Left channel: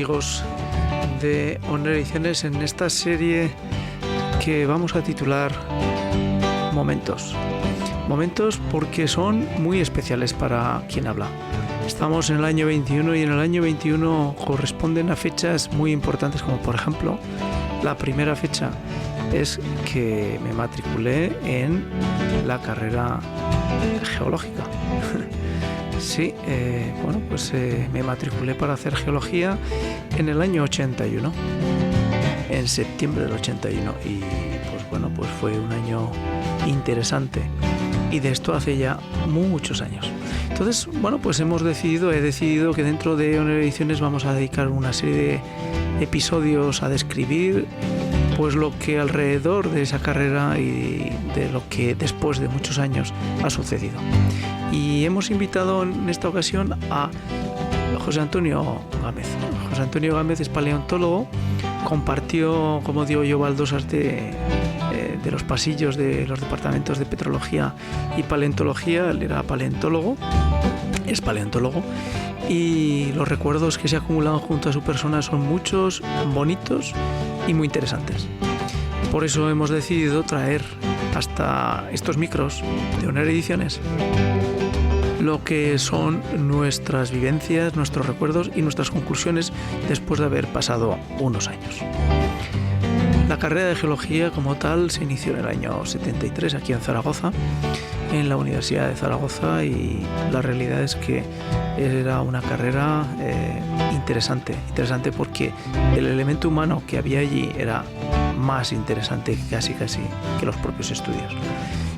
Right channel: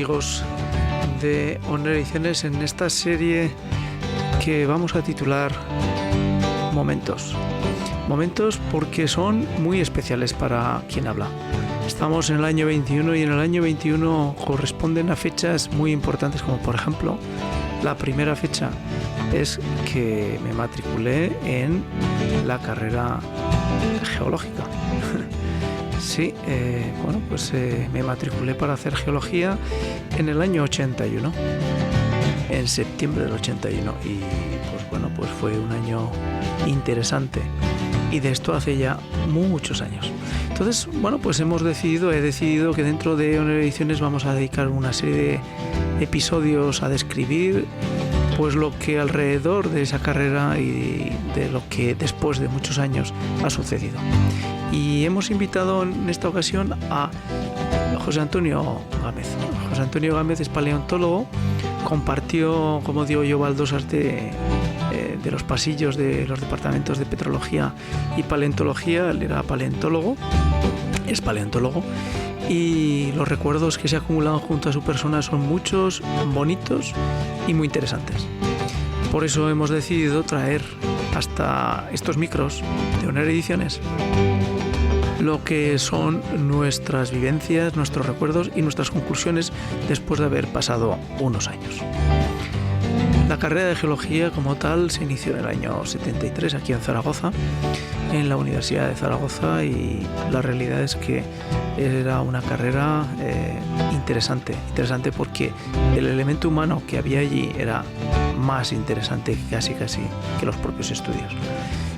amigos de Oner Ediciones en esta serie que vamos a titular Momentos. Momentos porque son muy especiales para quien habla. Estamos en el año 21 y en el año 21 corresponden a fechas muy importantes, como por ejemplo la primera fecha es que me matriculé en la carrera geológica. Sí, me matriculé para hacer geología en el año 81, en septiembre del 81, y pues fue un año interesante, y de esto hace ya muchos años. Entonces, he decidido que dentro de Oner Ediciones vamos a dedicar una serie de episodios a describir pues lo que alrededor de esa carrera y de lo que después de muchos años ha sucedido. Y hemos invitado en esta ocasión a José Antonio Gámez. José Antonio Gámez es paleontólogo, compartió, como digo yo, baldosas de los pasillos de los departamentos de petrología y paleontología. Él era paleontólogo, es paleontólogo, y los recuerdos que se acumulan junto a su persona son muchos, bonitos y muy interesantes. Por eso hemos decidido traer hasta estos micros de Oner Ediciones lo que son nuestras vivencias, nuestros recuerdos y nuestras conclusiones después de haber pasado unos años. La carrera de geología como tal se inició en el año 73 aquí en Zaragoza, en la Universidad de Zaragoza, y la realidad es que era una carrera interesante porque el elemento humano que había allí era más interesante casi que los propios estudios.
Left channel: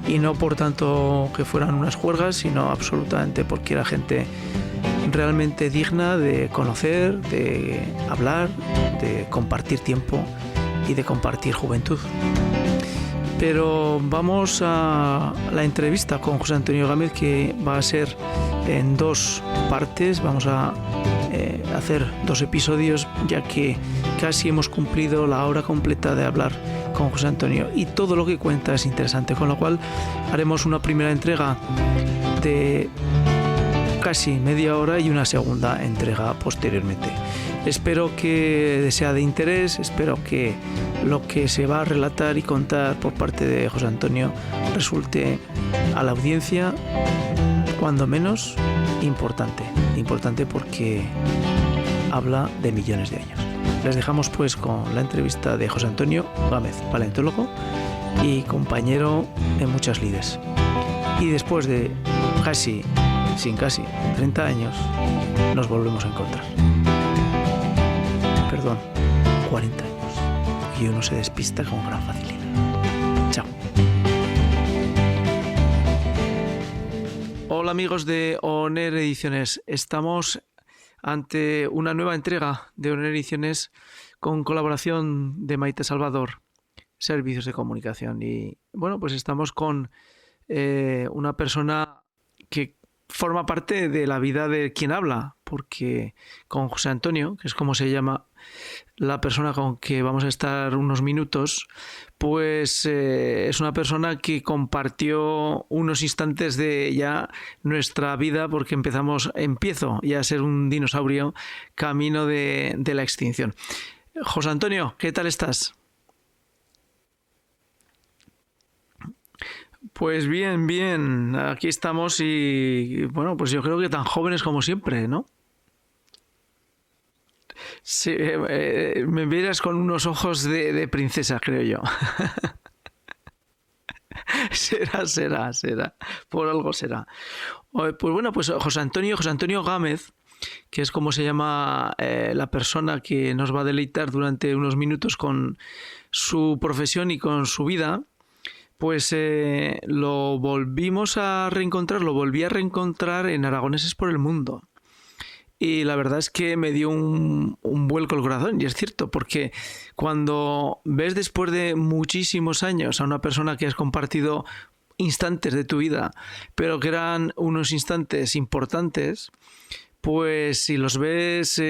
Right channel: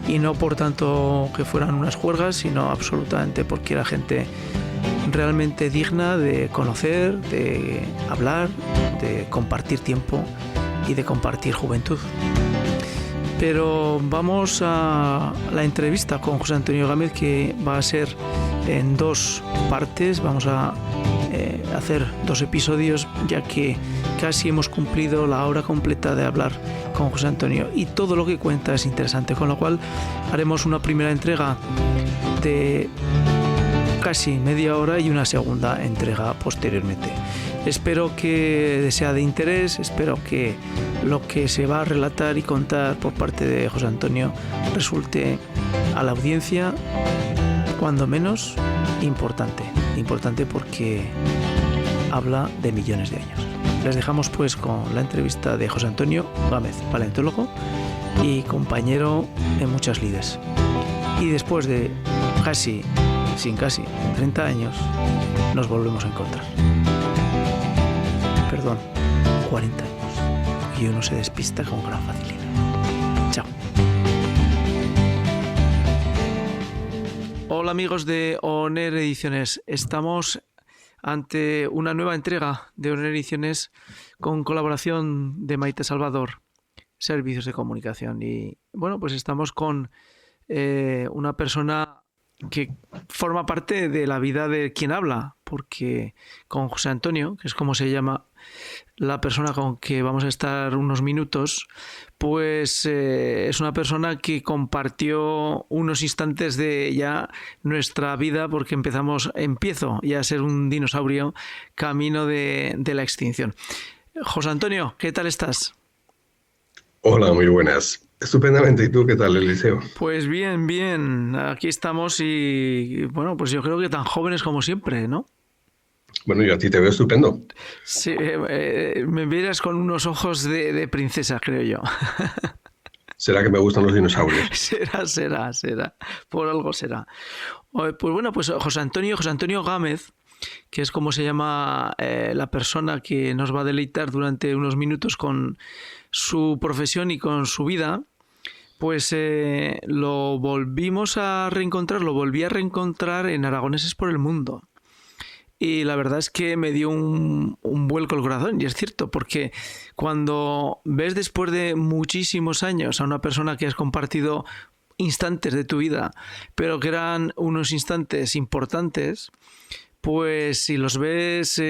Y no por tanto que fueran unas juergas, sino absolutamente porque era gente realmente digna de conocer, de hablar, de compartir tiempo y de compartir juventud. Pero vamos a la entrevista con José Antonio Gámez, que va a ser en dos partes. Vamos a hacer dos episodios, ya que casi hemos cumplido la hora completa de hablar con José Antonio y todo lo que cuenta es interesante, con lo cual haremos una primera entrega de casi media hora y una segunda entrega posteriormente. Espero que sea de interés, espero que lo que se va a relatar y contar por parte de José Antonio resulte a la audiencia, cuando menos, importante porque habla de millones de años. Les dejamos pues con la entrevista de José Antonio Gámez, paleontólogo y compañero en muchas lides. Y después de casi 30 años nos volvemos a encontrar. Perdón, 40 años. Y uno se despista con gran facilidad. Chao. Hola amigos de Oner Ediciones. Estamos ante una nueva entrega de Oner Ediciones con colaboración de Maite Salvador, Servicios de Comunicación. Y pues estamos con una persona que forma parte de la vida de quien habla, porque con José Antonio, que es como se llama la persona con que vamos a estar unos minutos, pues es una persona que compartió unos instantes de ya nuestra vida, porque empiezo ya a ser un dinosaurio camino de la extinción. José Antonio, ¿qué tal estás? Hola, muy buenas. Estupendamente. ¿Y tú qué tal, Eliseo? Pues bien. Aquí estamos y pues yo creo que tan jóvenes como siempre, ¿no? Bueno, yo a ti te veo estupendo. Sí, me miras con unos ojos de princesa, creo yo. ¿Será que me gustan los dinosaurios? Será. Por algo será. Pues José Antonio Gámez, que es como se llama la persona que nos va a deleitar durante unos minutos con su profesión y con su vida, pues lo volví a reencontrar en Aragoneses por el Mundo. Y la verdad es que me dio un vuelco el corazón, y es cierto, porque cuando ves después de muchísimos años a una persona que has compartido instantes de tu vida, pero que eran unos instantes importantes, pues si los ves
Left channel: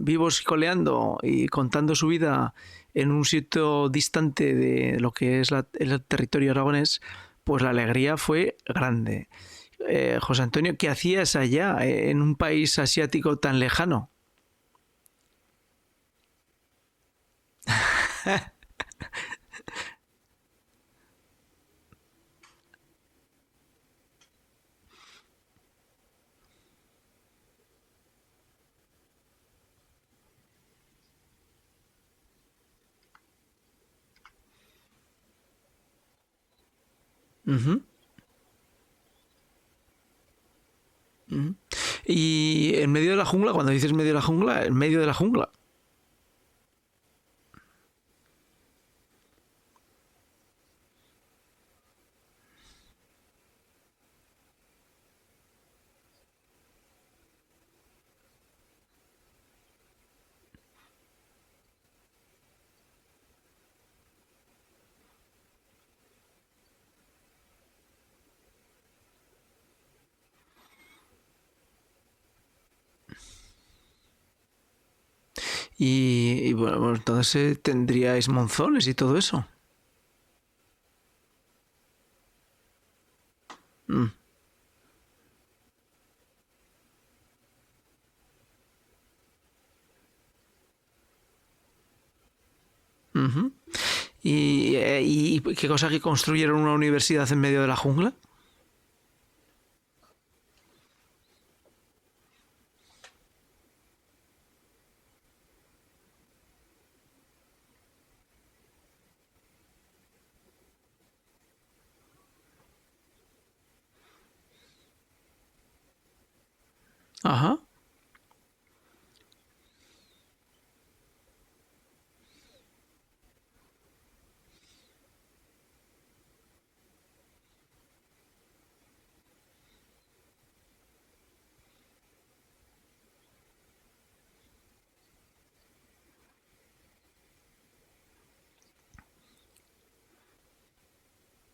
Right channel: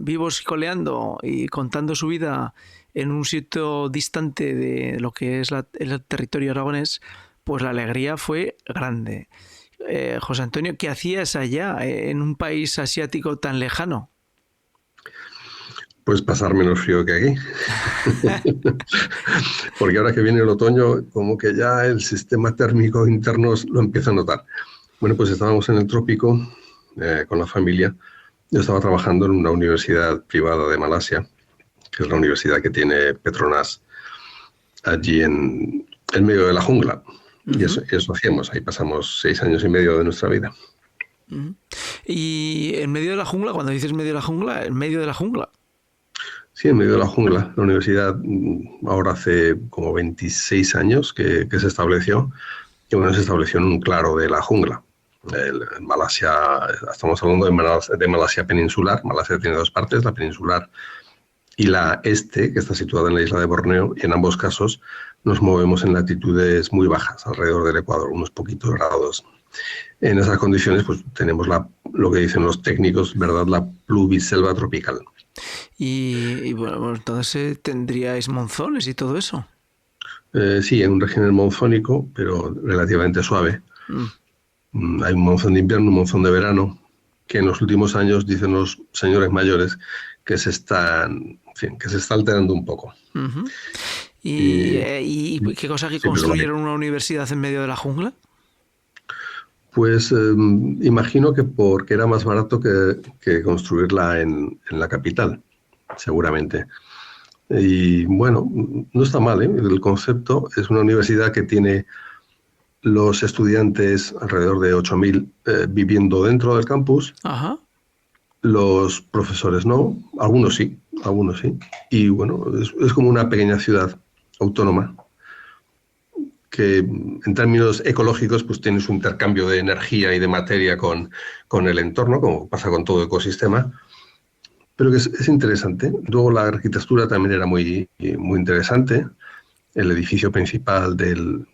vivos y coleando y contando su vida en un sitio distante de lo que es el territorio aragonés, pues la alegría fue grande. José Antonio, ¿qué hacías allá en un país asiático tan lejano? Pues pasar menos frío que aquí. Porque ahora que viene el otoño, como que ya el sistema térmico interno lo empieza a notar. Bueno, pues estábamos en el trópico con la familia. Yo estaba trabajando en una universidad privada de Malasia, que es la universidad que tiene Petronas allí en medio de la jungla. Y eso hacíamos. Ahí pasamos 6 años y medio de nuestra vida. Y en medio de la jungla, cuando dices medio de la jungla, en medio de la jungla. Sí, en medio de la jungla. La universidad ahora hace como 26 años que se estableció. Y bueno, se estableció en un claro de la jungla. En Malasia, estamos hablando de Malasia peninsular. Malasia tiene 2 partes, la peninsular y la este, que está situada en la isla de Borneo, y en ambos casos nos movemos en latitudes muy bajas, alrededor del Ecuador, unos poquitos grados. En esas condiciones, pues tenemos lo que dicen los técnicos, ¿verdad? La pluviselva tropical. Y bueno, entonces tendríais monzones y todo eso. Sí, en un régimen monzónico, pero relativamente suave. Hay un monzón de invierno, un monzón de verano, que en los últimos años, dicen los señores mayores, que se está alterando un poco. ¿Y qué cosa que construyeron una universidad en medio de la jungla? Pues imagino que porque era más barato que construirla en la capital, seguramente. Y bueno, no está mal, ¿eh? El concepto es una universidad que tiene los estudiantes, alrededor de 8.000, viviendo dentro del campus. Ajá. Los profesores no, algunos sí. Y bueno, es como una pequeña ciudad autónoma que en términos ecológicos pues tiene su intercambio de energía y de materia con el entorno, como pasa con todo ecosistema, pero que es interesante. Luego la arquitectura también era muy, muy interesante. El edificio principal del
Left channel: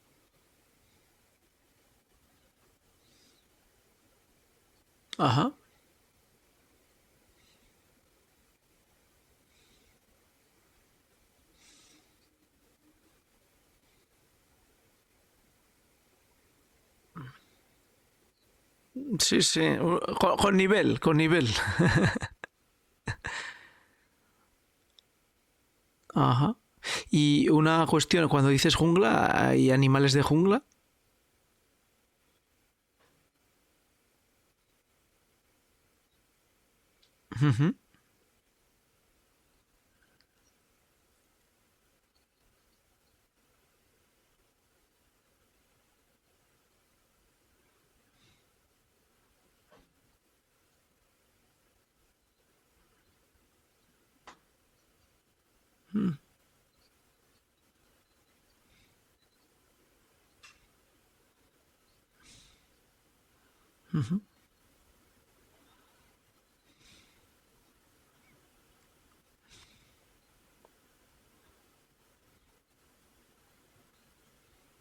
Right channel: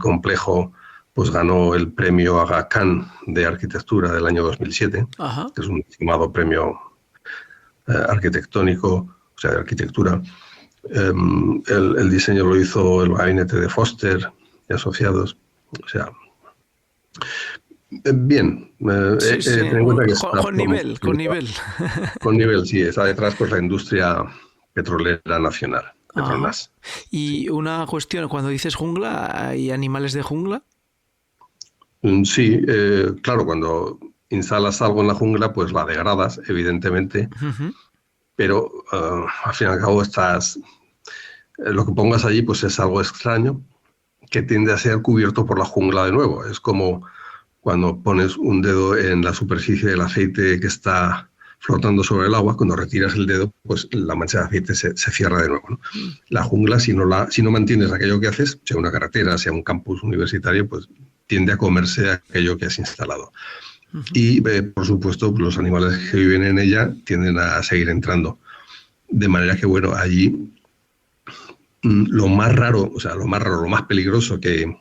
complejo pues ganó el premio Aga Khan de arquitectura del año 2007, Ajá. que es un estimado premio arquitectónico, o sea, de arquitectura. El diseño lo hizo el gabinete de Foster y asociados. O sea, bien. Sí, sí. Con nivel, con nivel. Con nivel, sí. Está detrás pues la industria petrolera nacional. Petronas. Y una cuestión, cuando dices jungla, ¿hay animales de jungla? Sí, claro, cuando instalas algo en la jungla, pues la degradas, evidentemente, pero al fin y al cabo lo que pongas allí pues es algo extraño que tiende a ser cubierto por la jungla de nuevo. Es como cuando pones un dedo en la superficie del aceite que está flotando sobre el agua, cuando retiras el dedo, pues la mancha de aceite se cierra de nuevo, ¿no? La jungla, si no mantienes aquello que haces, sea una carretera, sea un campus universitario, pues tiende a comerse aquello que has instalado. Y, por supuesto, los animales que viven en ella tienden a seguir entrando. De manera que, bueno, allí lo más raro, lo más peligroso que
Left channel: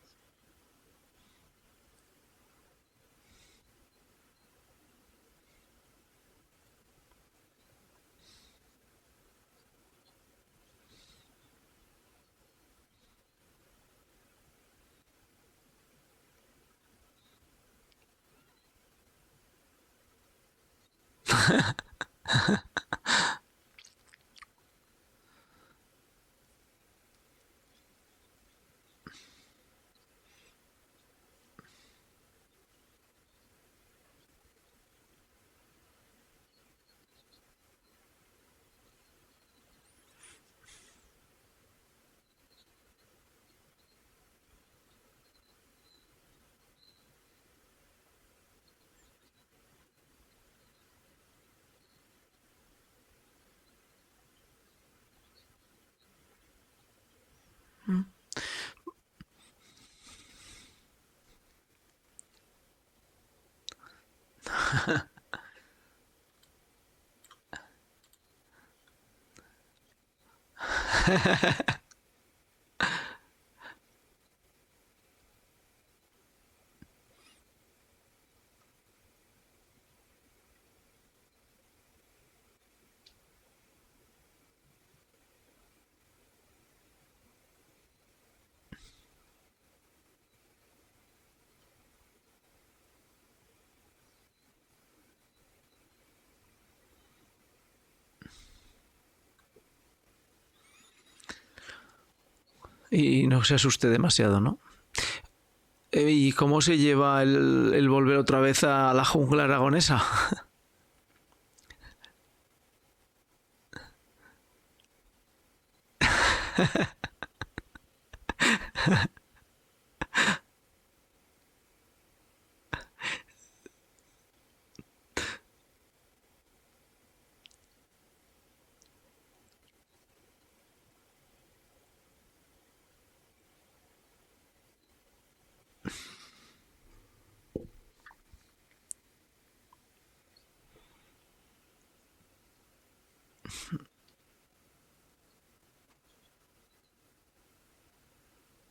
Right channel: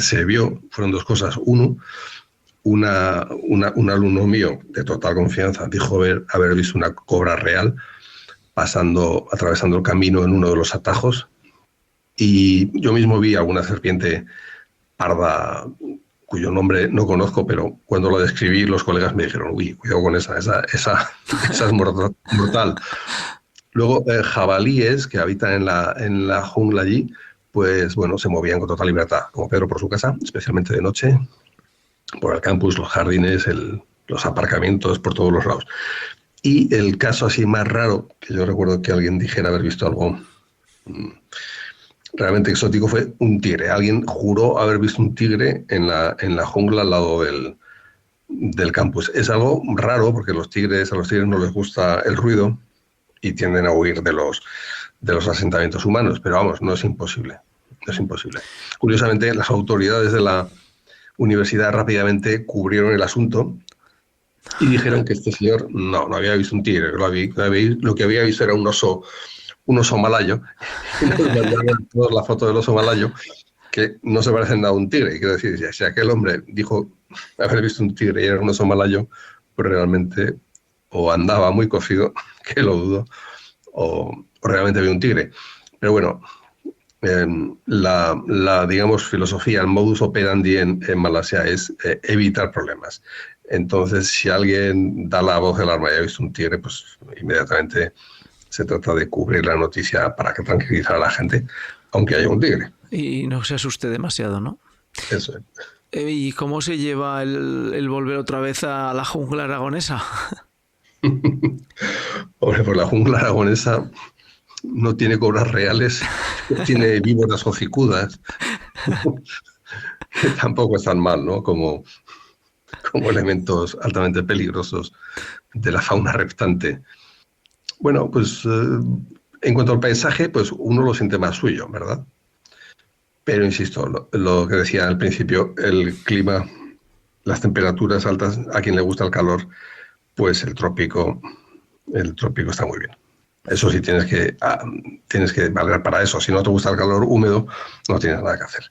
se vio fueron 2 cosas. Uno, un alumno mío de total confianza dijo haber visto una cobra real atravesando el camino en uno de los atajos, y yo mismo vi alguna serpiente parda cuyo nombre no conozco, pero cuando lo describí los colegas me dijeron, uy, cuidado con esa es mortal. Luego, jabalíes que habitan en la jungla allí, pues bueno, se movían con total libertad, como Pedro por su casa, especialmente de noche, por el campus, los jardines, los aparcamientos, por todos los lados. Y el caso así más raro, que yo recuerdo que alguien dijera haber visto algo realmente exótico, fue un tigre. Alguien juró haber visto un tigre en la jungla al lado del campus. Es algo raro porque a los tigres no les gusta el ruido y tienden a huir de los asentamientos humanos, pero vamos, no es imposible. No es imposible. Curiosamente, las autoridades de la universidad rápidamente cubrieron el asunto y dijeron que este señor no había visto un tigre, lo que había visto era un oso malayo. La foto del oso malayo, que no se parece nada a un tigre. Y quiero decir, si aquel hombre dijo haber visto un tigre y era un oso malayo, pues realmente o andaba muy cocido, que lo dudo, o realmente había un tigre. Pero bueno, la digamos, filosofía, el modus operandi en Malasia es evitar problemas. Entonces, si alguien da la voz de alarma y ha visto un tigre, pues inmediatamente se trata de cubrir la noticia para que tranquilizar a la gente, aunque haya un tigre. Y no se asuste demasiado, ¿no? Eso es. ¿Y cómo se lleva el volver otra vez a la jungla aragonesa? Hombre, pues la jungla aragonesa no tiene cobras reales, tiene víboras hocicudas, que tampoco están mal, ¿no? Como elementos altamente peligrosos de la fauna reptante. Bueno, pues en cuanto al paisaje, pues uno lo siente más suyo, ¿verdad? Pero insisto, lo que decía al principio, el clima, las temperaturas altas, a quien le gusta el calor, pues el trópico está muy bien. Eso sí, tienes que valer para eso. Si no te gusta el calor húmedo, no tienes nada que hacer.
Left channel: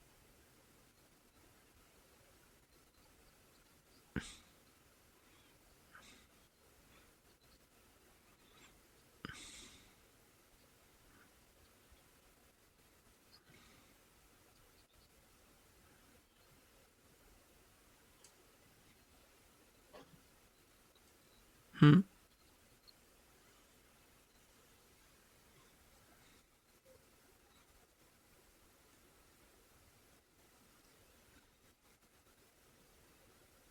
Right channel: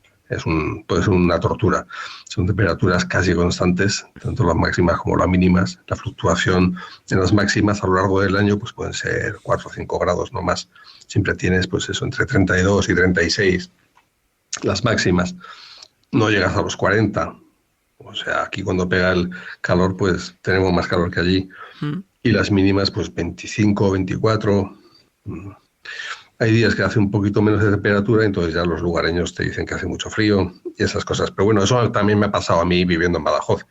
Puede ser una tortura. Son temperaturas casi constantes, tanto las máximas como las mínimas. La fluctuación en las máximas a lo largo del año pues pueden ser 4 o 5 grados, no más. Siempre tienes pues eso, entre 32 y 36 las máximas. No llegas a los 40. O sea, aquí cuando pega el calor, pues tenemos más calor que allí. Y las mínimas, pues 25, 24. Hay días que hace un poquito menos de temperatura, entonces ya los lugareños te dicen que hace mucho frío y esas cosas. Pero bueno, eso también me ha pasado a mí viviendo en Badajoz.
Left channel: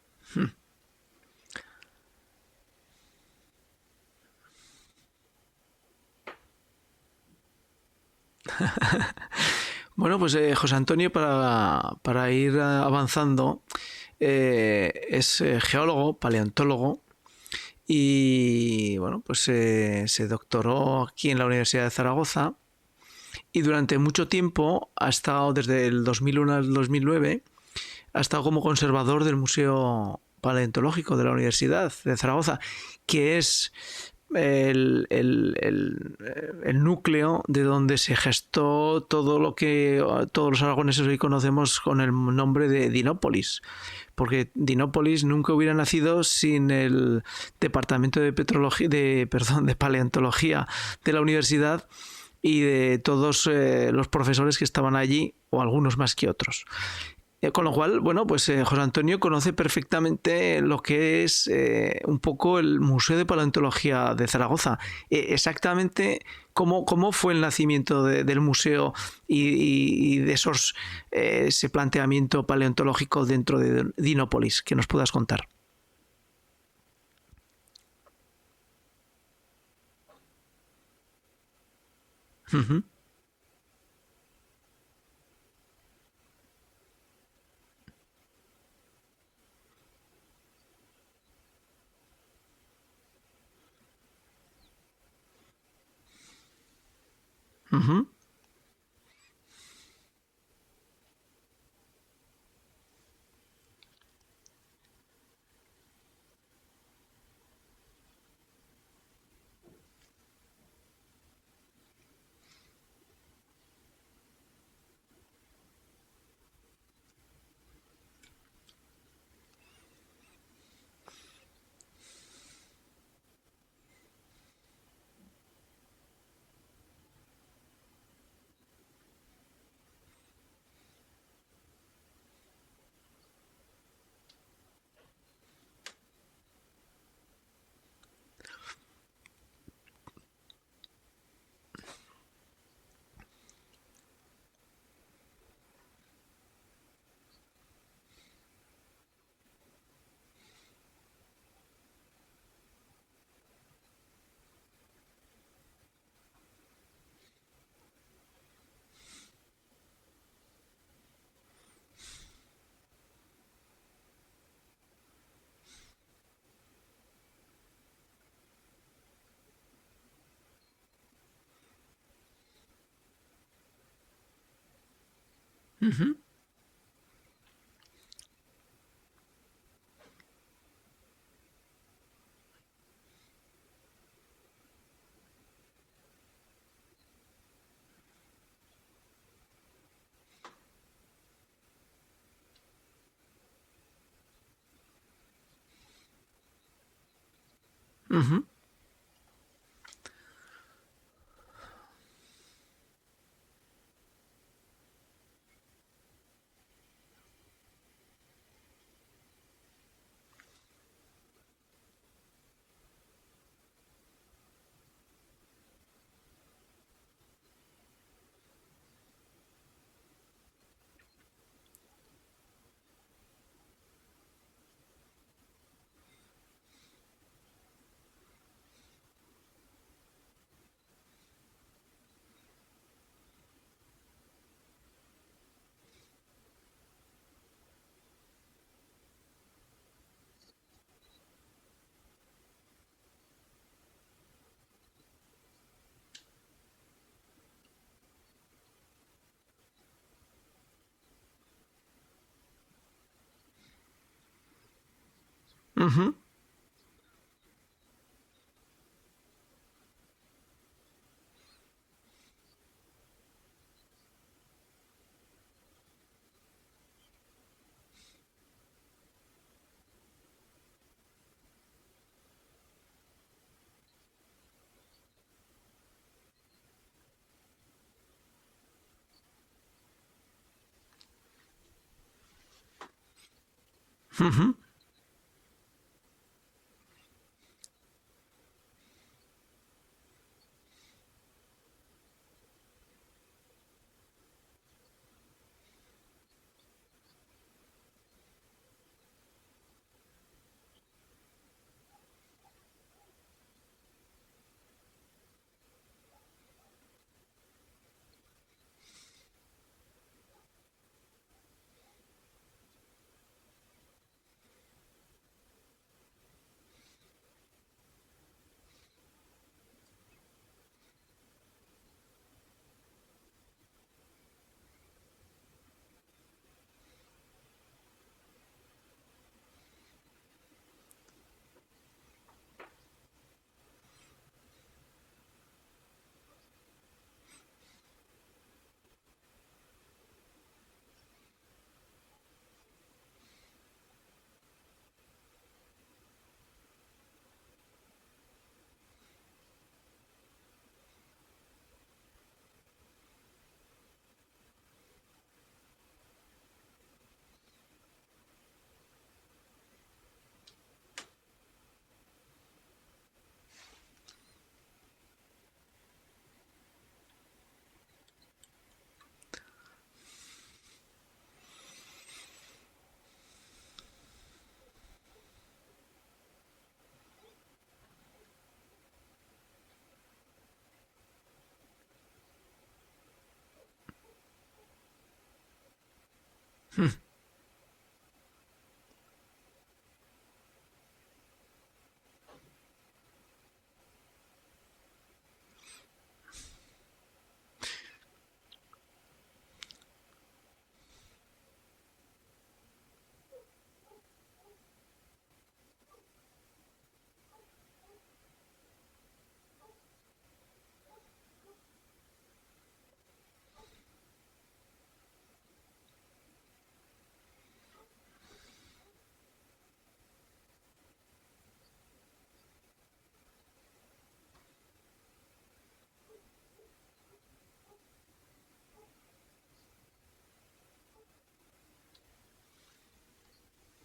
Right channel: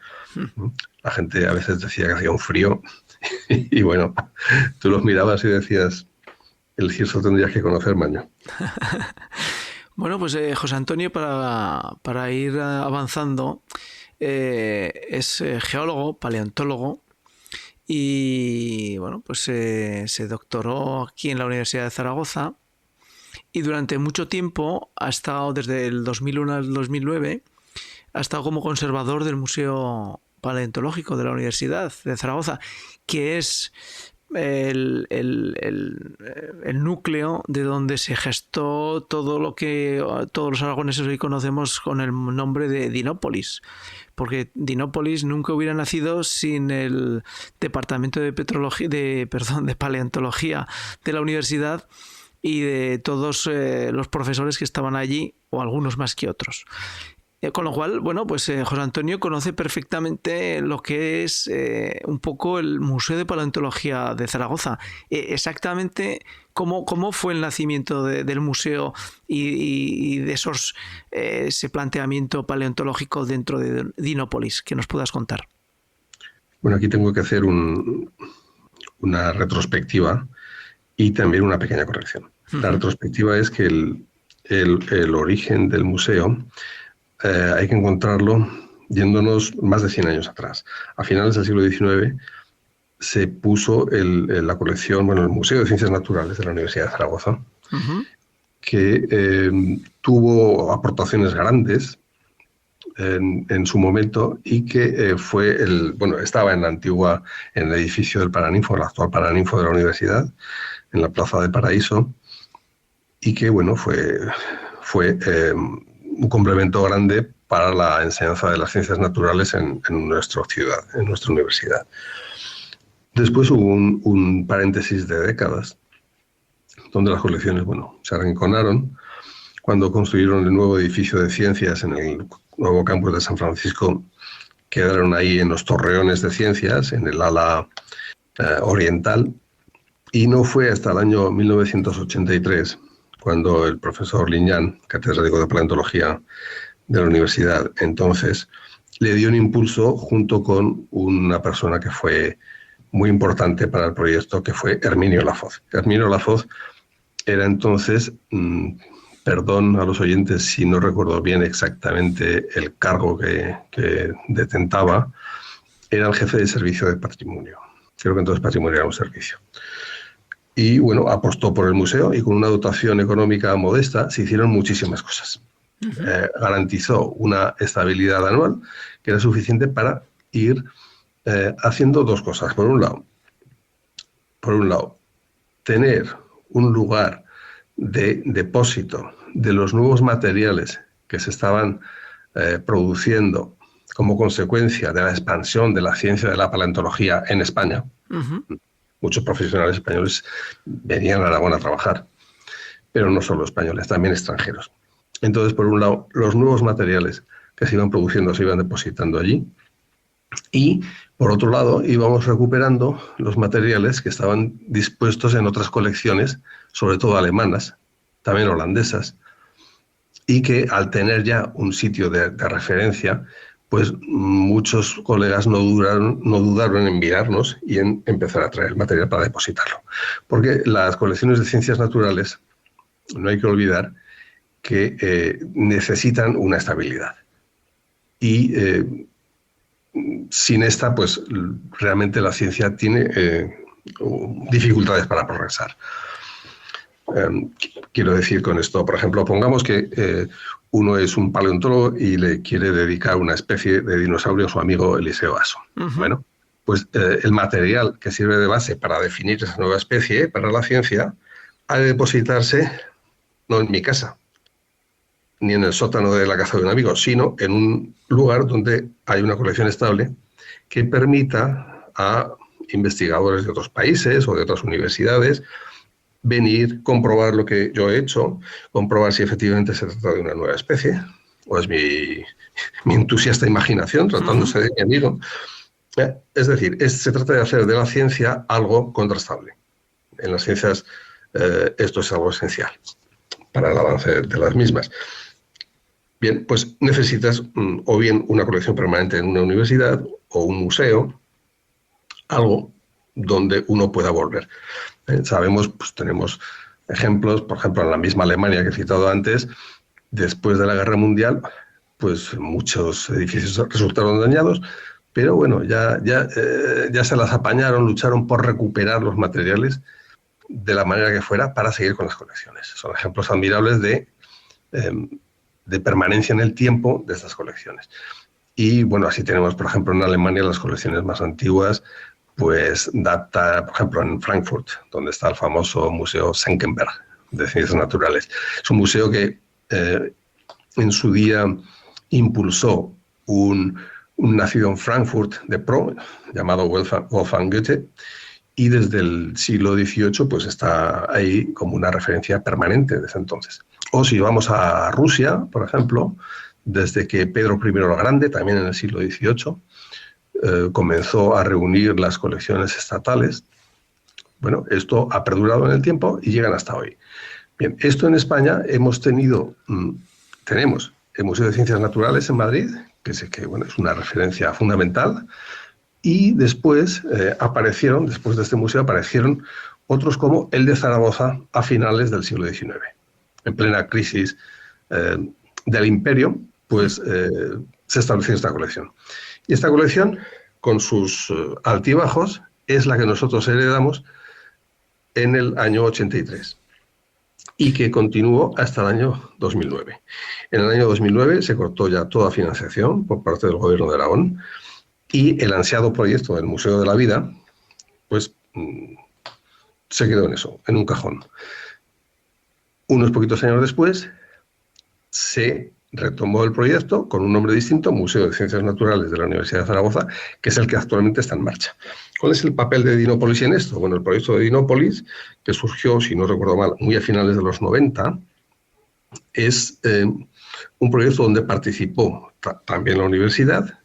La gente a veces decía que hacía un frío y bueno, tú los mirabas y decías, el Cirso tendrías que conocer, maño. Bueno, pues José Antonio, para ir avanzando, es geólogo, paleontólogo, y bueno, pues se doctoró aquí en la Universidad de Zaragoza y durante mucho tiempo ha estado, desde el 2001 al 2009, ha estado como conservador del Museo Paleontológico de la Universidad de Zaragoza, que es el núcleo de donde se gestó todo lo que todos los aragoneses hoy conocemos con el nombre de Dinópolis, porque Dinópolis nunca hubiera nacido sin el departamento de paleontología de la universidad y de todos los profesores que estaban allí, o algunos más que otros. Con lo cual, bueno, pues José Antonio conoce perfectamente lo que es un poco el Museo de Paleontología de Zaragoza. Exactamente cómo fue el nacimiento del museo y de ese planteamiento paleontológico dentro de Dinópolis, que nos puedas contar. Bueno, aquí tengo que hacer una retrospectiva y también una pequeña corrección. La retrospectiva es que el origen del museo hay que encontrarlo yéndonos más de 100 años atrás. A finales del siglo XIX se puso la colección, el Museo de Ciencias Naturales de la Universidad de Zaragoza, que tuvo aportaciones grandes en su momento y que estaba en el edificio del Paraninfo, el actual Paraninfo de la universidad, en la Plaza de Paraíso, y que fue un complemento grande para la enseñanza de las ciencias naturales en nuestra ciudad, en nuestra universidad. Después hubo un paréntesis de décadas, donde las colecciones, se arrinconaron. Cuando construyeron el nuevo edificio de ciencias en el nuevo campus de San Francisco, quedaron ahí en los torreones de ciencias, en el ala oriental, y no fue hasta el año 1983 cuando el profesor Liñán, catedrático de paleontología de la universidad, entonces le dio un impulso junto con una persona que fue muy importante para el proyecto, que fue Herminio Lafoz. Herminio Lafoz era entonces, perdón a los oyentes si no recuerdo bien exactamente el cargo que detentaba, era el jefe de servicio de patrimonio. Creo que entonces patrimonio era un servicio. Y apostó por el museo y con una dotación económica modesta se hicieron muchísimas cosas. Garantizó una estabilidad anual que era suficiente para ir haciendo dos cosas. Por un lado, tener un lugar de depósito de los nuevos materiales que se estaban produciendo como consecuencia de la expansión de la ciencia de la paleontología en España. Muchos profesionales españoles venían a Aragón a trabajar, pero no solo españoles, también extranjeros. Entonces, por un lado, los nuevos materiales que se iban produciendo se iban depositando allí, Y, por otro lado, íbamos recuperando los materiales que estaban dispuestos en otras colecciones, sobre todo alemanas, también holandesas, y que al tener ya un sitio de referencia, pues muchos colegas no dudaron en enviarnos y en empezar a traer material para depositarlo. Porque las colecciones de ciencias naturales, no hay que olvidar que necesitan una estabilidad. Y sin esta, pues realmente la ciencia tiene dificultades para progresar. Quiero decir con esto, por ejemplo, pongamos que uno es un paleontólogo y le quiere dedicar una especie de dinosaurio a su amigo Eliseo Aso. Bueno, pues el material que sirve de base para definir esa nueva especie para la ciencia ha de depositarse no en mi casa, ni en el sótano de la casa de un amigo, sino en un lugar donde hay una colección estable que permita a investigadores de otros países o de otras universidades venir, comprobar lo que yo he hecho, comprobar si efectivamente se trata de una nueva especie, o es mi entusiasta imaginación tratándose de mi amigo. Es decir, se trata de hacer de la ciencia algo contrastable. En las ciencias esto es algo esencial para el avance de las mismas. Bien, pues necesitas o bien una colección permanente en una universidad o un museo, algo donde uno pueda volver. Sabemos, pues tenemos ejemplos, por ejemplo, en la misma Alemania que he citado antes, después de la Guerra Mundial, pues muchos edificios resultaron dañados, pero bueno, ya se las apañaron, lucharon por recuperar los materiales de la manera que fuera para seguir con las colecciones. Son ejemplos admirables de permanencia en el tiempo de estas colecciones. Y bueno, así tenemos, por ejemplo, en Alemania las colecciones más antiguas, pues data, por ejemplo, en Frankfurt, donde está el famoso Museo Senckenberg de Ciencias Naturales. Es un museo que en su día impulsó un nacido en Frankfurt de pro, llamado Wolfgang Goethe, y desde el siglo XVIII pues está ahí como una referencia permanente desde entonces. O si vamos a Rusia, por ejemplo, desde que Pedro I el Grande, también en el siglo XVIII, comenzó a reunir las colecciones estatales. Bueno, esto ha perdurado en el tiempo y llegan hasta hoy. Bien, esto en España tenemos el Museo de Ciencias Naturales en Madrid, que bueno, es una referencia fundamental, y después después de este museo aparecieron otros como el de Zaragoza a finales del siglo XIX. En plena crisis del imperio, pues se estableció esta colección. Y esta colección, con sus altibajos, es la que nosotros heredamos en el año 83 y que continuó hasta el año 2009. En el año 2009 se cortó ya toda financiación por parte del Gobierno de Aragón y el ansiado proyecto del Museo de la Vida, pues se quedó en eso, en un cajón. Unos poquitos años después se retomó el proyecto con un nombre distinto, Museo de Ciencias Naturales de la Universidad de Zaragoza, que es el que actualmente está en marcha. ¿Cuál es el papel de Dinópolis en esto? Bueno, el proyecto de Dinópolis, que surgió, si no recuerdo mal, muy a finales de los 90, es un proyecto donde participó también la universidad,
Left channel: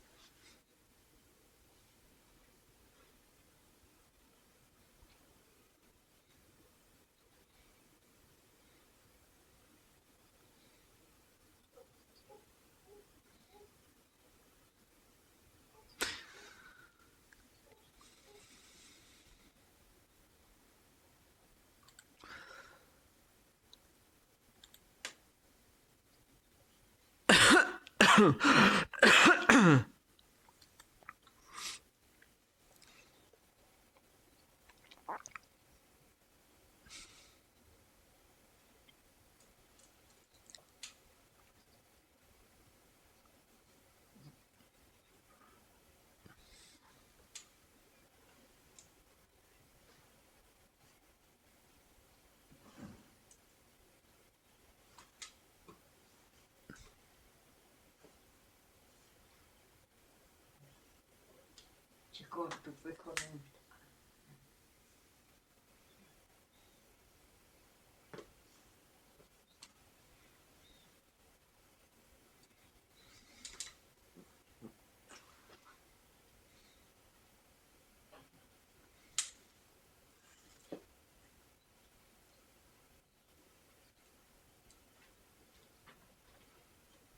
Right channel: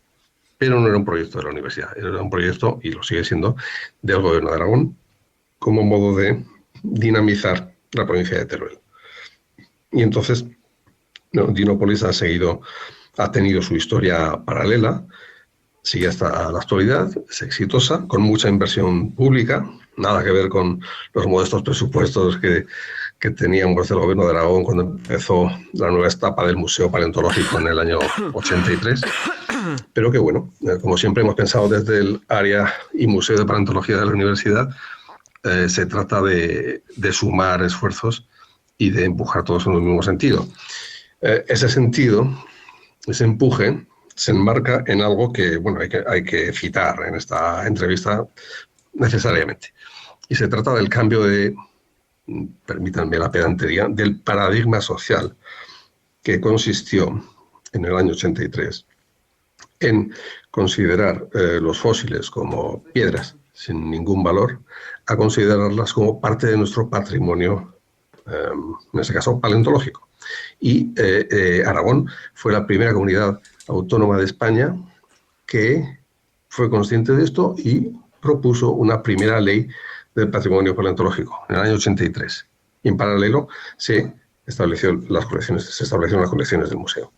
pero no era un proyecto de la universidad, era un proyecto, y lo sigue siendo, del Gobierno de Aragón, como modo de dinamizar la provincia de Teruel. Y entonces, Dinópolis ha tenido su historia paralela, sigue hasta la actualidad, es exitosa, con mucha inversión pública, nada que ver con los modestos presupuestos que teníamos del Gobierno de Aragón cuando empezó la nueva etapa del Museo Paleontológico en el año 83. Pero que bueno, como siempre hemos pensado desde el área y Museo de Paleontología de la Universidad, se trata de sumar esfuerzos y de empujar todos en el mismo sentido. Ese sentido, ese empuje, se enmarca en algo que, bueno, hay que citar en esta entrevista necesariamente. Y se trata del cambio permítanme la pedantería, del paradigma social que consistió en el año 83 en considerar los fósiles como piedras sin ningún valor, a considerarlas como parte de nuestro patrimonio, en este caso paleontológico. Y Aragón fue la primera comunidad autónoma de España que fue consciente de esto y propuso una primera ley del patrimonio paleontológico en el año 83. Y en paralelo se establecieron las colecciones del museo.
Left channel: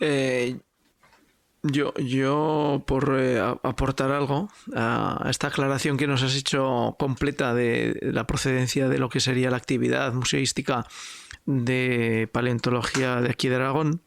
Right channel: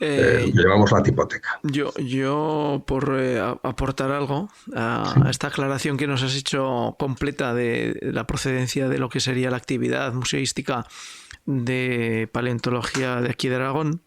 Lo que llamamos la tipoteca. Yo por aportar algo a esta aclaración que nos has hecho completa de la procedencia de lo que sería la actividad museística de paleontología de aquí de Aragón,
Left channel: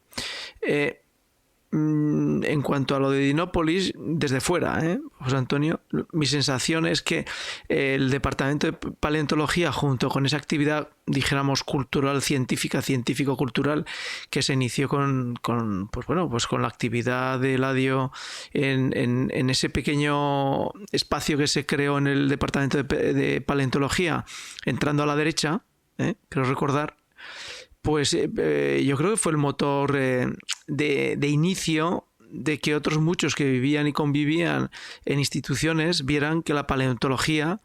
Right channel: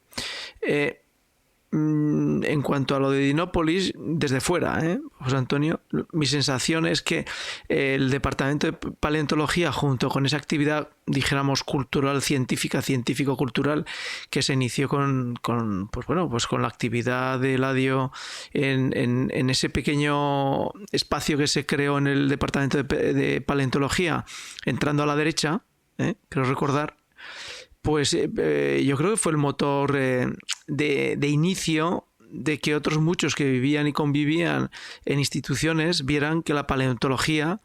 en cuanto a lo de Dinópolis, desde fuera, José Antonio, mi sensación es que el Departamento de Paleontología, junto con esa actividad, dijéramos, cultural, científica, científico-cultural, que se inició con la actividad de Eladio en ese pequeño espacio que se creó en el Departamento de Paleontología, entrando a la derecha, creo recordar, pues yo creo que fue el motor de inicio de que otros muchos que vivían y convivían en instituciones vieran que la paleontología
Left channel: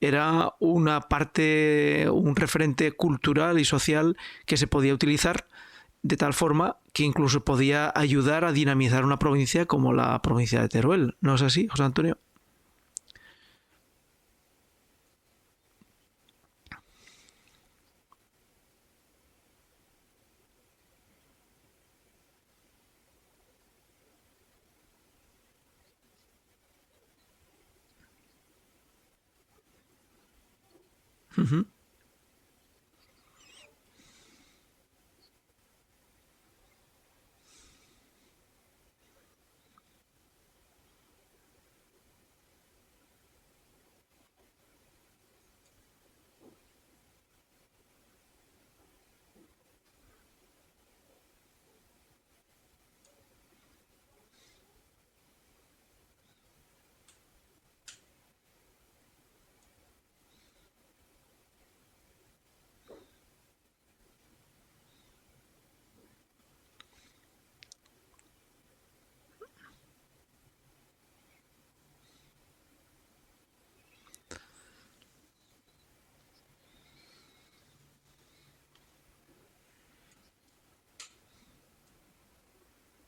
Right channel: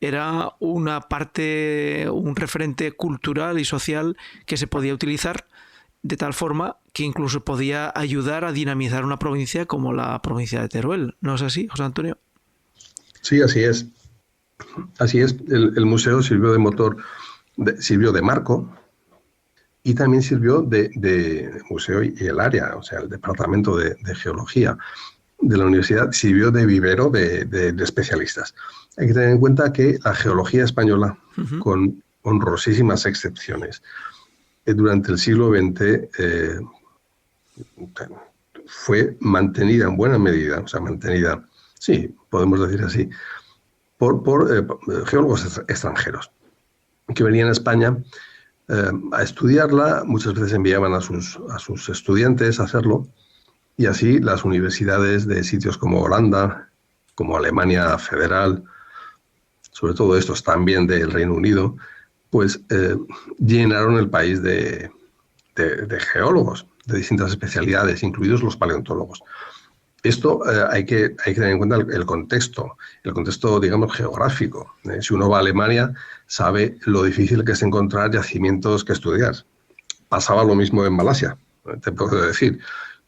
era una parte, un referente cultural y social que se podía utilizar de tal forma que incluso podía ayudar a dinamizar una provincia como la provincia de Teruel. ¿No es así, José Antonio? Sí, así es. Así es. El museo sirvió de motor, sirvió de marco, y también sirvió de museo, y el área, o sea, el departamento de geología de la universidad sirvió de vivero de especialistas. Hay que tener en cuenta que la geología española, con honrosísimas excepciones, durante el siglo XX fue mantenida en buena medida, o sea, mantenida, sí, podemos decir así, por geólogos extranjeros que venían a España a estudiarla. Muchas veces enviaban a sus estudiantes a hacerlo, y así las universidades de sitios como Holanda, como Alemania Federal, sobre todo estos también del Reino Unido, pues llenaron el país de geólogos de distintas especialidades, incluidos los paleontólogos. Esto hay que tener en cuenta el contexto, digamos, geográfico. Si uno va a Alemania, sabe lo difícil que es encontrar yacimientos que estudiar. Pasaba lo mismo en Malasia, te puedo decir.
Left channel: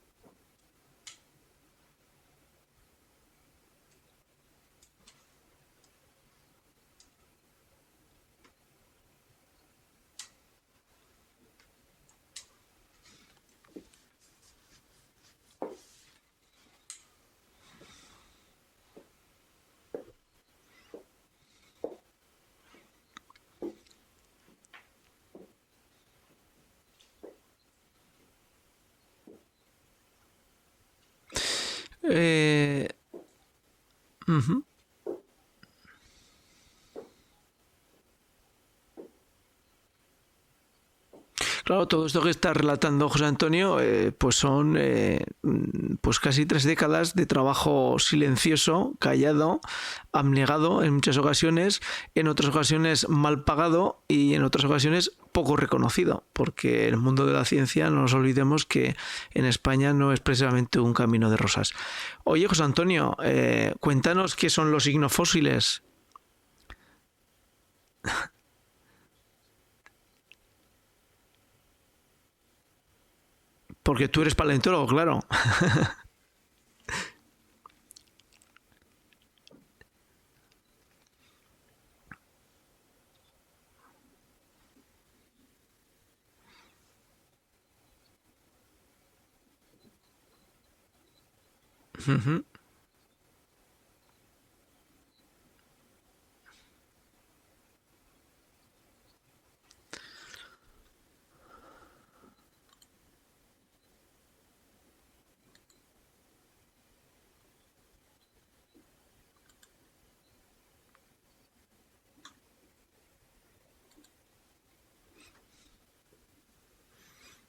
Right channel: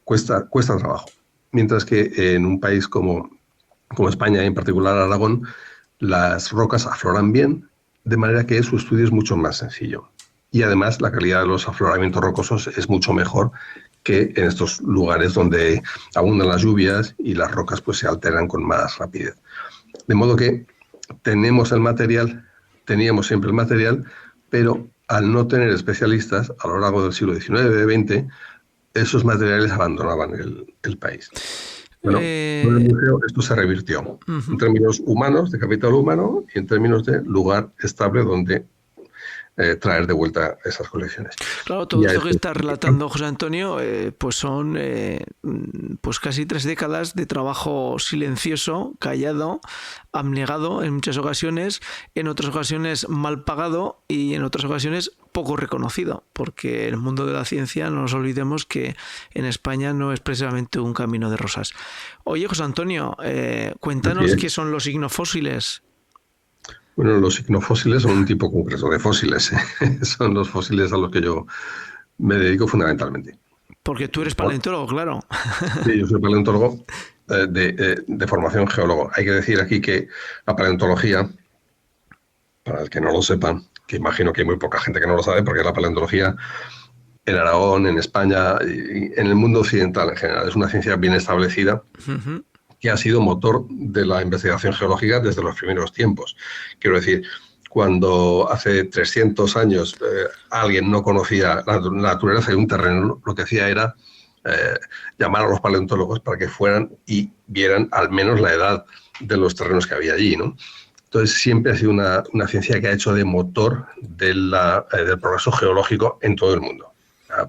Cuesta trabajo. Mientras que en un país como España, en particular Aragón, las rocas afloran bien, de manera que su estudio es mucho más sencillo. Y además la calidad de los afloramientos rocosos es mucho mejor que en estos lugares donde abundan las lluvias y las rocas pues se alteran con más rapidez. De modo que teníamos siempre el material, pero al no tener especialistas a lo largo del siglo XIX-XX, esos materiales abandonaban el país. Bueno, con el museo esto se revirtió en términos humanos, de capital humano, y en términos de lugar estable donde traer de vuelta esas colecciones. Claro, todo esto que está relatando José Antonio, pues son pues casi 3 décadas de trabajo silencioso, callado, abnegado en muchas ocasiones, en otras ocasiones mal pagado y en otras ocasiones poco reconocido, porque el mundo de la ciencia, no nos olvidemos que en España no es precisamente un camino de rosas. Oye, José Antonio, cuéntanos qué son los ignofósiles. Bueno, los ignofósiles son un tipo concreto de fósiles. Son los fósiles a los que yo me dedico fundamentalmente. Porque tú eres paleontólogo, claro. Sí, yo soy paleontólogo de formación geólogo. Hay que decir aquí que la paleontología, para el que no lo sepan, que imagino que hay muy poca gente que no lo sabe, porque la paleontología en Aragón, en España y en el mundo occidental en general es una ciencia bien establecida, que ha sido motor de la investigación geológica desde los primeros tiempos. Quiero decir, cuando hace 300 años alguien no conocía la naturaleza de un terreno, lo que hacía era llamar a los paleontólogos para que fueran y vieran al menos la edad de los terrenos que había allí, ¿no? Entonces siempre ha sido una ciencia que ha hecho de motor del progreso geológico en todo el mundo,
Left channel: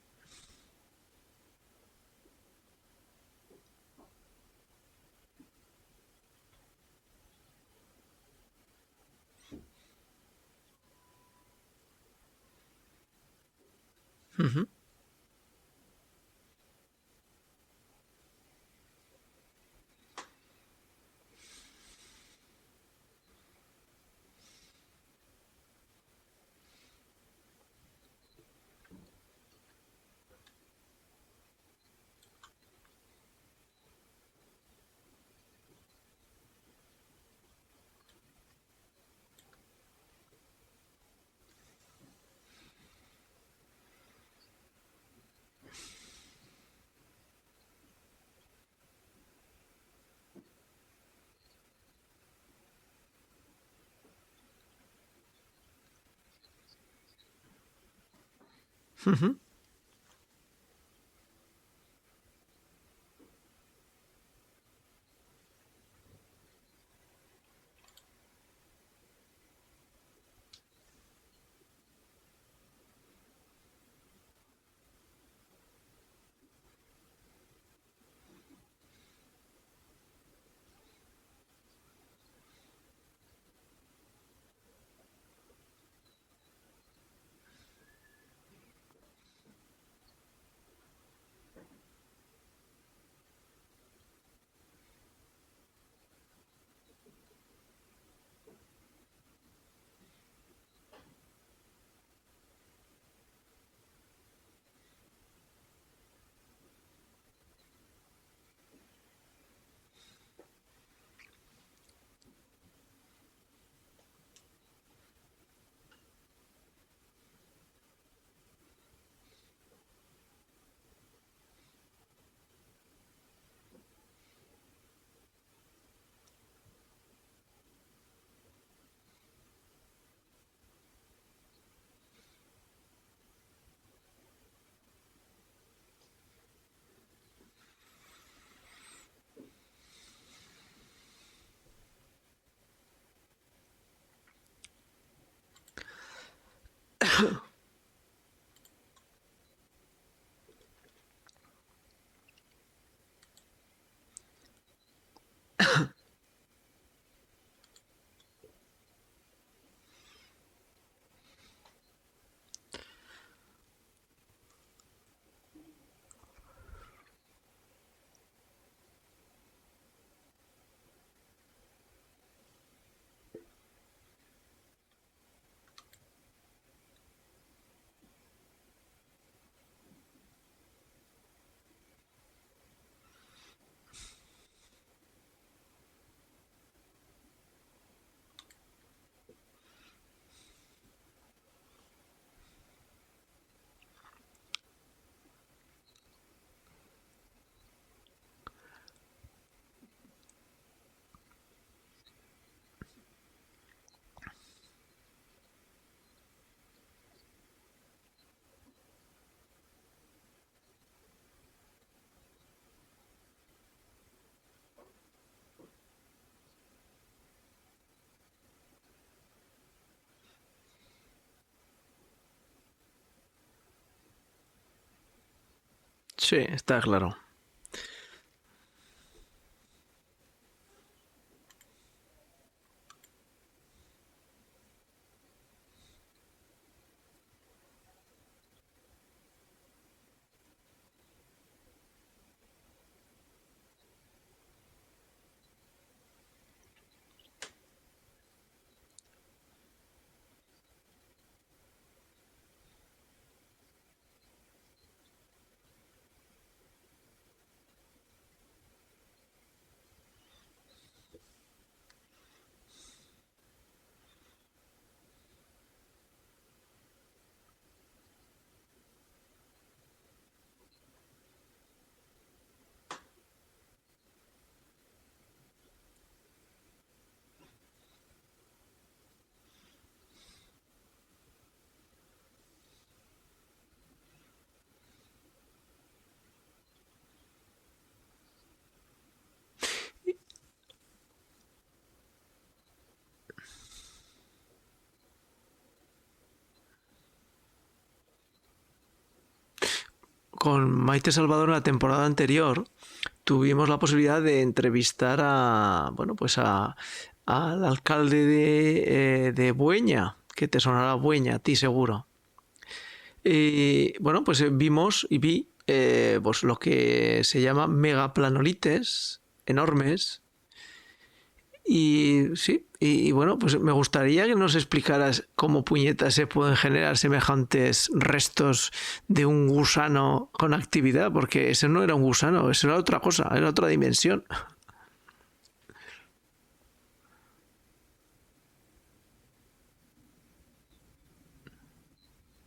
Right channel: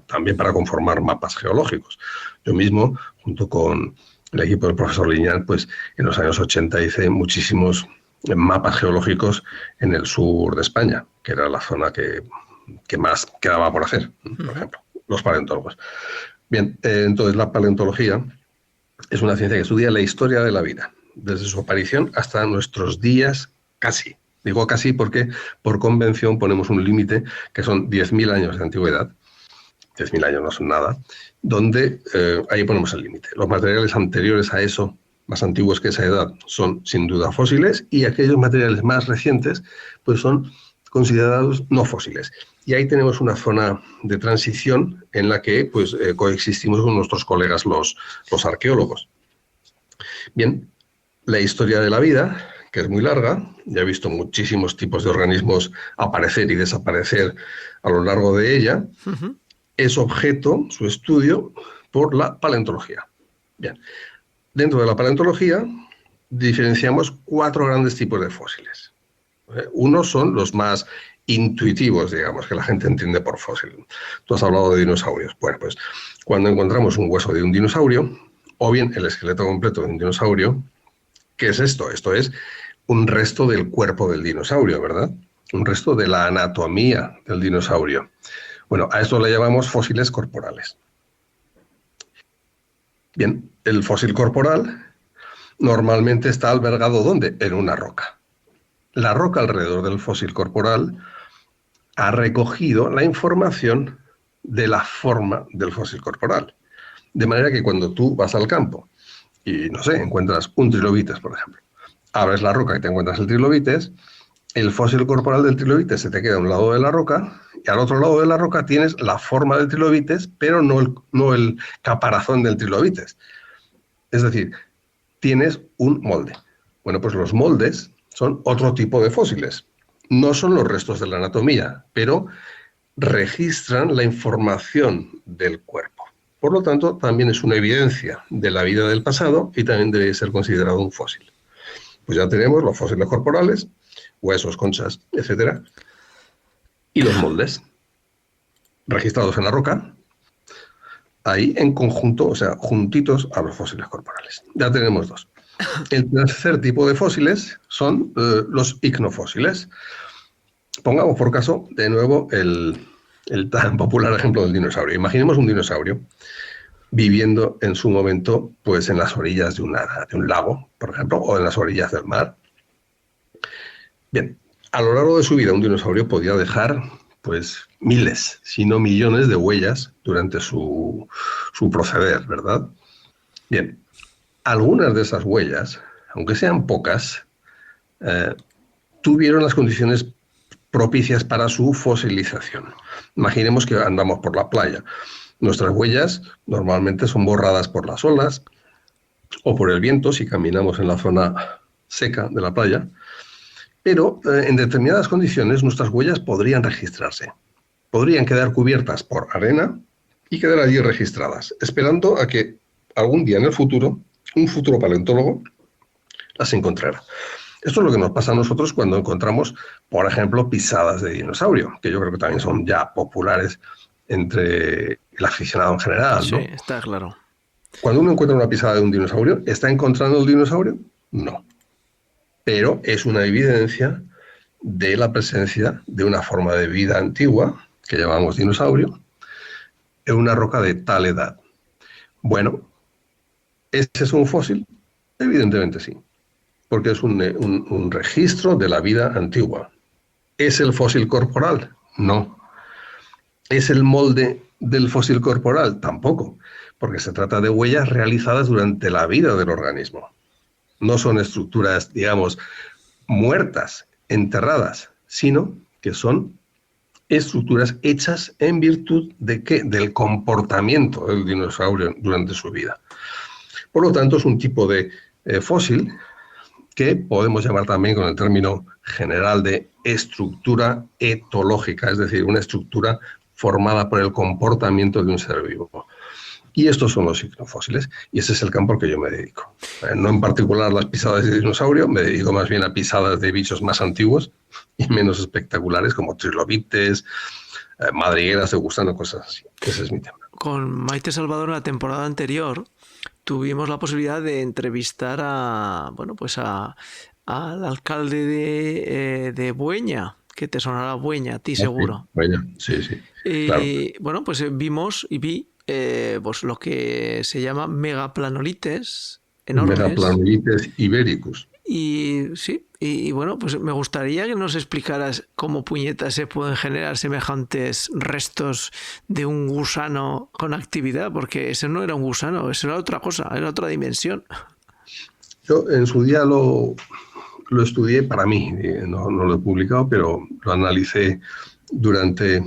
también para conformar mapas geológicos. Yo mismo, junto con el equipo del profesor Liñán, pues en los años 80 hice muchísimos mapas geológicos en el sur de España, que era la zona que más quedaba por hacer, por ejemplo, los paleontólogos. Bien, entonces la paleontología es una ciencia que estudia la historia de la vida, desde su aparición hasta nuestros días casi. Digo casi porque por convención ponemos un límite que son 10.000 años de antigüedad. 10.000 años no son nada, donde ahí ponemos el límite. Los materiales anteriores a eso más antiguos que esa edad son sin duda fósiles y aquellos materiales más recientes pues son considerados no fósiles. Y ahí tenemos una zona de transición en la que pues, coexistimos con nuestros colegas los arqueólogos. Bien, la historia de la vida, que es muy larga, ya he visto muchísimos tipos de organismos aparecer y desaparecer a lo largo de ella, es objeto, su estudio, por la paleontología. Bien, dentro de la paleontología diferenciamos 4 grandes tipos de fósiles. Unos son los más intuitivos, digamos, que la gente entiende por fósil. Tú has hablado de dinosaurios. Bueno, pues cuando encontramos un hueso de un dinosaurio, o bien el esqueleto completo de un dinosaurio, ¿qué es esto? Esto es un resto del cuerpo del dinosaurio, ¿verdad? Un resto de la anatomía del dinosaurio. Bueno, a esto le llamamos fósiles corporales. Bien, el fósil corporal normalmente está albergado ¿dónde? En una roca. La roca alrededor del fósil corporal ha recogido la información de la forma del fósil corporal. De manera que cuando tú vas al campo y, no sé, encuentras un trilobites, por ejemplo, abres la roca y te encuentras el trilobites, el fósil corporal del trilobites se te queda a un lado de la roca y al otro lado de la roca tienes la forma del trilobites, pero no el caparazón del trilobites. Es decir, tienes un molde. Bueno, pues los moldes son otro tipo de fósiles. No son los restos de la anatomía, pero registran la información del cuerpo. Por lo tanto, también es una evidencia de la vida del pasado y también debe ser considerado un fósil. Pues ya tenemos los fósiles corporales, huesos, conchas, etc. Y los moldes, registrados en la roca, ahí en conjunto, o sea, juntitos a los fósiles corporales. Ya tenemos 2. El tercer tipo de fósiles son los icnofósiles. Pongamos por caso, de nuevo, el tan popular ejemplo del dinosaurio. Imaginemos un dinosaurio viviendo en su momento pues, en las orillas de un lago, por ejemplo, o en las orillas del mar. Bien, a lo largo de su vida un dinosaurio podía dejar pues, miles, si no millones de huellas durante su proceder, ¿verdad? Bien, algunas de esas huellas, aunque sean pocas, tuvieron las condiciones propicias para su fosilización. Imaginemos que andamos por la playa. Nuestras huellas normalmente son borradas por las olas o por el viento si caminamos en la zona seca de la playa, pero en determinadas condiciones nuestras huellas podrían registrarse. Podrían quedar cubiertas por arena y quedar allí registradas, esperando a que algún día en el futuro, un futuro paleontólogo las encontrara. Esto es lo que nos pasa a nosotros cuando encontramos, por ejemplo, pisadas de dinosaurio, que yo creo que también son ya populares entre el aficionado en general, ¿no? Sí, está claro. Cuando uno encuentra una pisada de un dinosaurio, ¿está encontrando el dinosaurio? No. Pero es una evidencia de la presencia de una forma de vida antigua, que llamamos dinosaurio, en una roca de tal edad. Bueno, ¿ese es un fósil? Evidentemente sí, porque es un registro de la vida antigua. ¿Es el fósil corporal? No. ¿Es el molde del fósil corporal? Tampoco, porque se trata de huellas realizadas durante la vida del organismo. No son estructuras, digamos, muertas, enterradas, sino que son estructuras hechas en virtud de ¿qué? Del comportamiento del dinosaurio durante su vida. Por lo tanto, es un tipo de fósil que podemos llamar también con el término general de estructura etológica, es decir, una estructura formada por el comportamiento de un ser vivo. Y estos son los icnofósiles, y ese es el campo al que yo me dedico. No en particular las pisadas de dinosaurio, me dedico más bien a pisadas de bichos más antiguos y menos espectaculares, como trilobites, madrigueras de gusano, cosas así. Ese es mi tema. Con Maite Salvador en la temporada anterior tuvimos la posibilidad de entrevistar al alcalde de Bueña, que te sonará Bueña, a ti seguro. Bueña, sí. Y claro. bueno, pues vimos y vi pues lo que se llama megaplanolites enormes. Megaplanolites ibéricus. Y sí, y bueno, pues me gustaría que nos explicaras cómo puñetas se pueden generar semejantes restos de un gusano con actividad, porque ese no era un gusano, eso era otra cosa, era otra dimensión. Yo en su día lo estudié para mí, no lo he publicado, pero lo analicé durante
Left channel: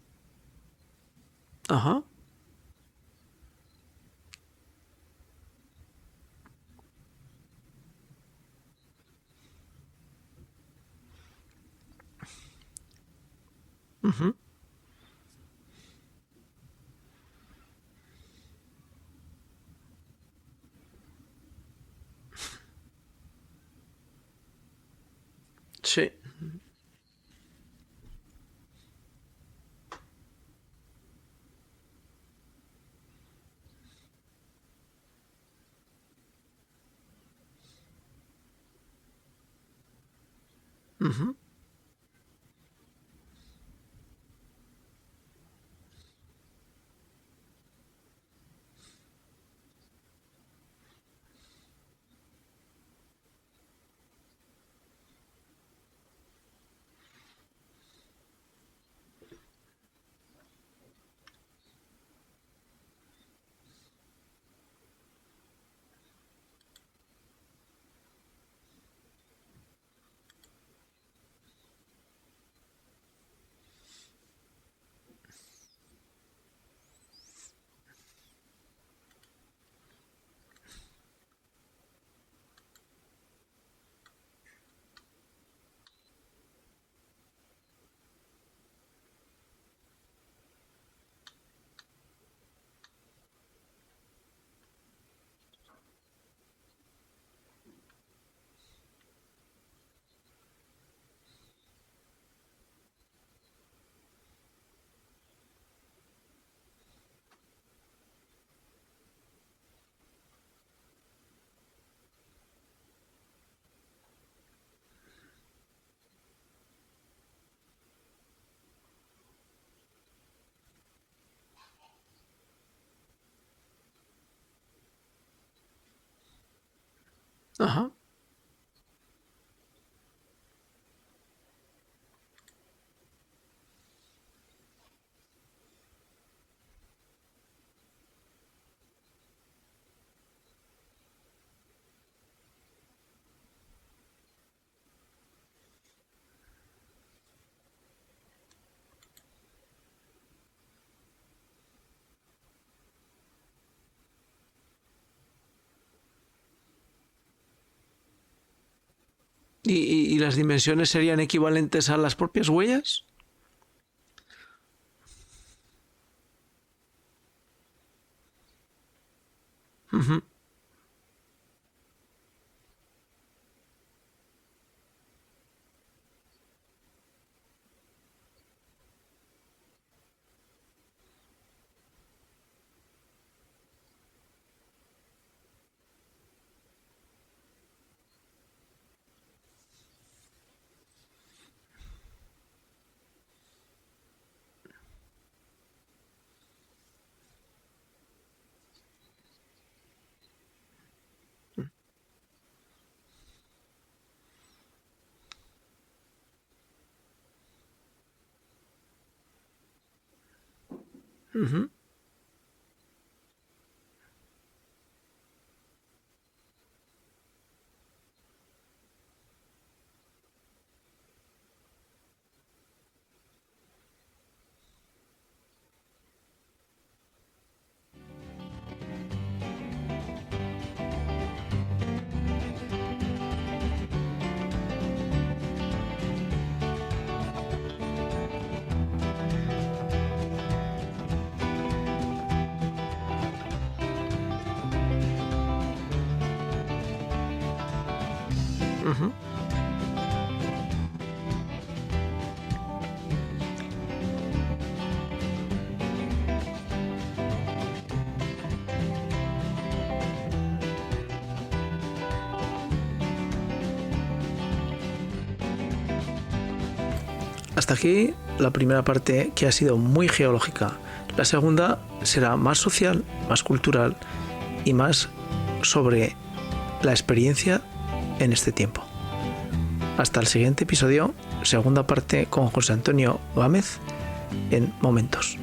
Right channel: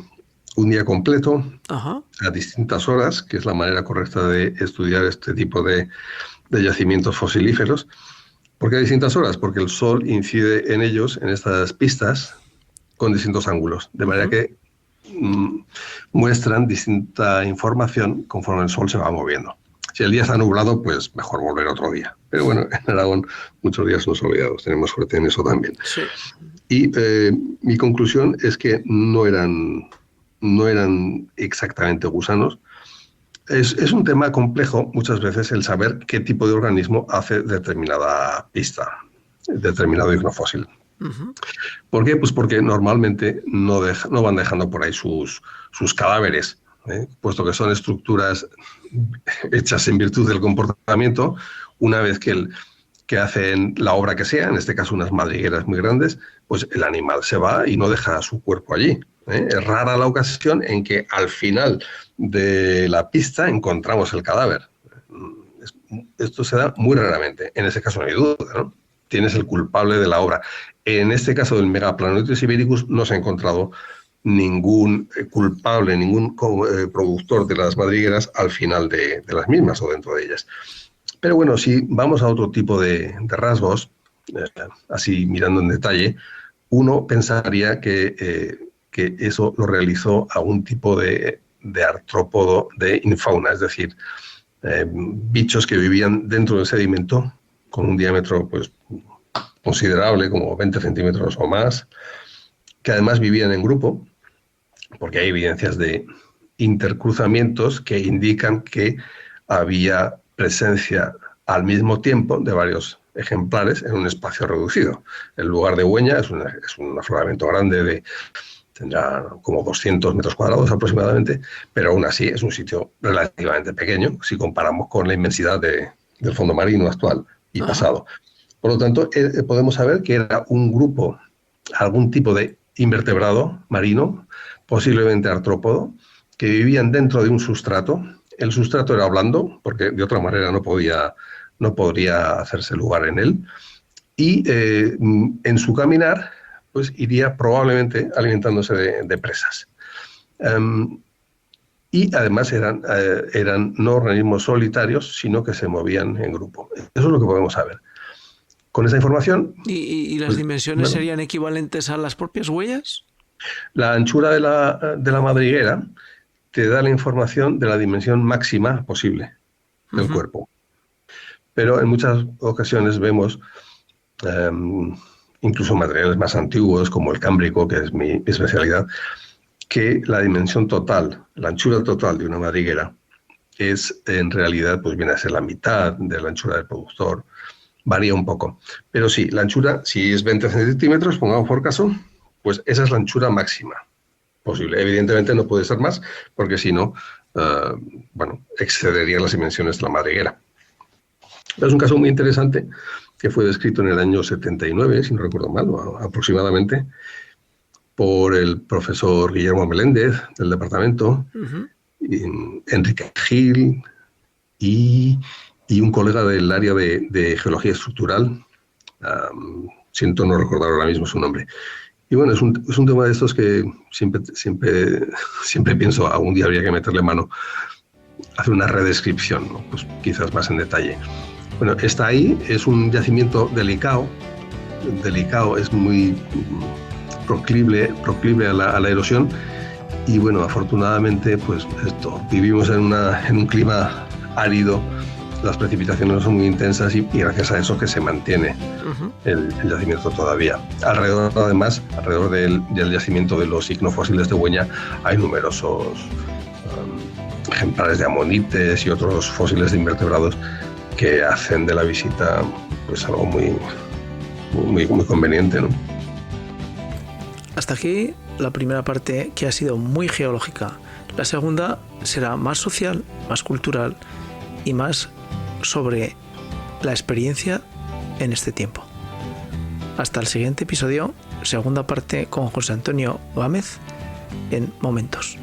un día completo, Ajá. a distintas horas, que es la manera correcta de estudiar este tipo de yacimientos fosilíferos. ¿Por qué a distintas horas? Porque el sol incide en ellos, en estas pistas, con distintos ángulos, de manera que muestran distinta información conforme el sol se va moviendo. Si el día está nublado, pues mejor volver otro día. Pero bueno, en Aragón muchos días son soleados, tenemos suerte en eso también. Sí. Y mi conclusión es que no eran exactamente gusanos. Es un tema complejo muchas veces el saber qué tipo de organismo hace determinada pista, determinado ignofósil. Uh-huh. ¿Por qué? Pues porque normalmente no van dejando por ahí sus cadáveres, puesto que son estructuras hechas en virtud del comportamiento. Una vez que hacen la obra que sea, en este caso unas madrigueras muy grandes, pues el animal se va y no deja su cuerpo allí. Es rara la ocasión en que al final de la pista encontramos el cadáver. Esto se da muy raramente. En ese caso no hay duda, ¿no? Tienes el culpable de la obra. En este caso del Megaplanoides ibéricus no se ha encontrado ningún culpable, ningún productor de las madrigueras al final de las mismas o dentro de ellas. Pero bueno, si vamos a otro tipo de rasgos, así mirando en detalle, uno pensaría que eso lo realizó algún tipo de artrópodo de infauna, es decir, bichos que vivían dentro del sedimento con un diámetro pues, considerable, como 20 centímetros o más, que además vivían en grupo, porque hay evidencias de intercruzamientos que indican que había presencia al mismo tiempo de varios ejemplares en un espacio reducido. El lugar de Hueña es un afloramiento grande, tendrá como 200 metros cuadrados aproximadamente, pero aún así es un sitio relativamente pequeño si comparamos con la inmensidad del fondo marino actual y Ajá. pasado. Por lo tanto, podemos saber que era un grupo, algún tipo de invertebrado marino, posiblemente artrópodo, que vivían dentro de un sustrato. El sustrato era blando, porque de otra manera no podría hacerse lugar en él. Y en su caminar, pues iría probablemente alimentándose de presas. Y además eran no organismos solitarios, sino que se movían en grupo. Eso es lo que podemos saber. Con esa información... ¿Y las dimensiones serían equivalentes a las propias huellas? La anchura de la madriguera te da la información de la dimensión máxima posible del cuerpo. Pero en muchas ocasiones vemos incluso materiales más antiguos, como el cámbrico, que es mi especialidad, que la dimensión total, la anchura total de una madriguera es en realidad, pues viene a ser la mitad de la anchura del productor. Varía un poco. Pero sí, la anchura, si es 20 centímetros, pongamos por caso, pues esa es la anchura máxima posible. Evidentemente no puede ser más, porque si no, excedería las dimensiones de la madriguera. Pero es un caso muy interesante que fue descrito en el año 79, si no recuerdo mal, aproximadamente, por el profesor Guillermo Meléndez del departamento, Enrique Gil y un colega del área de geología estructural, siento no recordar ahora mismo su nombre. Y bueno, es un tema de estos que siempre pienso, algún día habría que meterle mano, hacer una redescripción, ¿no? Pues quizás más en detalle. Bueno, está ahí, es un yacimiento delicado, es muy proclive a la erosión, y bueno, afortunadamente, pues vivimos en un clima árido, las precipitaciones son muy intensas y gracias a eso que se mantiene el yacimiento todavía. Alrededor del yacimiento de los ignofósiles de Hueña hay numerosos ejemplares de amonites y otros fósiles de invertebrados que hacen de la visita pues algo muy conveniente, ¿no? Hasta aquí la primera parte, que ha sido muy geológica. La segunda será más social, más cultural y más sobre la experiencia en este tiempo. Hasta el siguiente episodio, segunda parte con José Antonio Gámez en Momentos.